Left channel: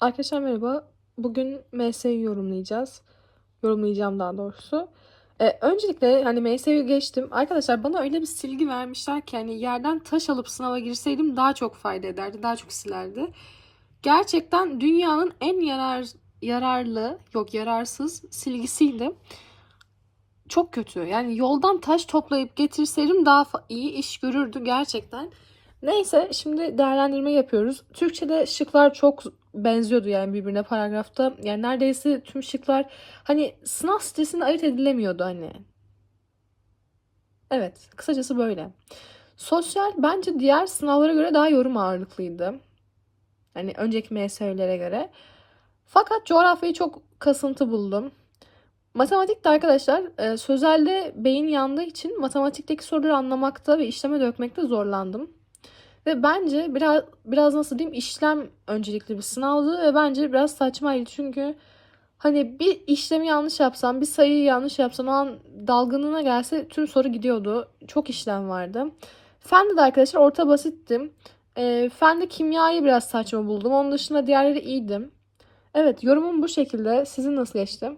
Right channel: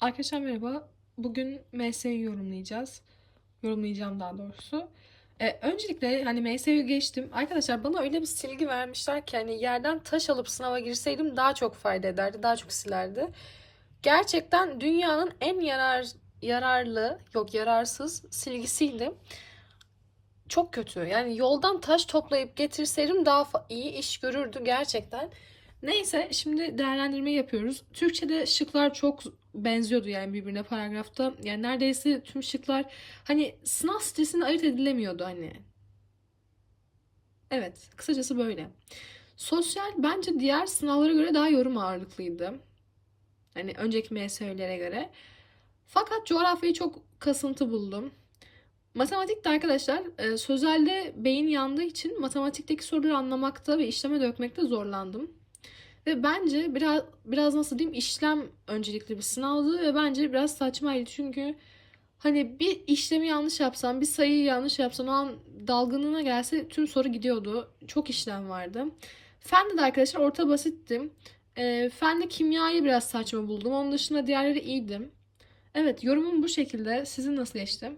Arkadaşlar merhaba. Bugün MS'yi yorumlayacağız. Yorumlayacağım daha doğrusu. Ee, öncelikle hani MS'yi geçtim. Arkadaşlar bana öyle bir silgi vermişler ki hani yerden taş alıp sınava girseydim daha çok fayda ederdi. Daha çok silerdi. Gerçekten dünyanın en yarar yararlı, yok yararsız silgisiydi. Çok kötü. Yani yoldan taş toplayıp getirseydim daha iyi iş görürdü gerçekten. Neyse şimdi değerlendirme yapıyoruz. Türkçe'de şıklar çok benziyordu yani birbirine paragrafta. Yani neredeyse tüm şıklar hani sınav stresinde ayırt edilemiyordu hani. Evet, kısacası böyle. Sosyal bence diğer sınavlara göre daha yorum ağırlıklıydı. Hani önceki MSÖ'lere göre. Fakat coğrafyayı çok kasıntı buldum. Matematikte arkadaşlar e, sözelde beyin yandığı için matematikteki soruları anlamakta ve işleme dökmekte zorlandım. Ve bence biraz biraz nasıl diyeyim işlem öncelikli bir sınavdı ve bence biraz saçmaydı çünkü hani bir işlemi yanlış yapsam, bir sayıyı yanlış yapsam o an dalgınlığına gelse tüm soru gidiyordu. Çok işlem vardı. Fende de arkadaşlar orta basittim. E, fende kimyayı biraz saçma buldum. Onun dışında diğerleri iyiydi. Evet yorumum bu şekilde. Sizin nasıl geçti?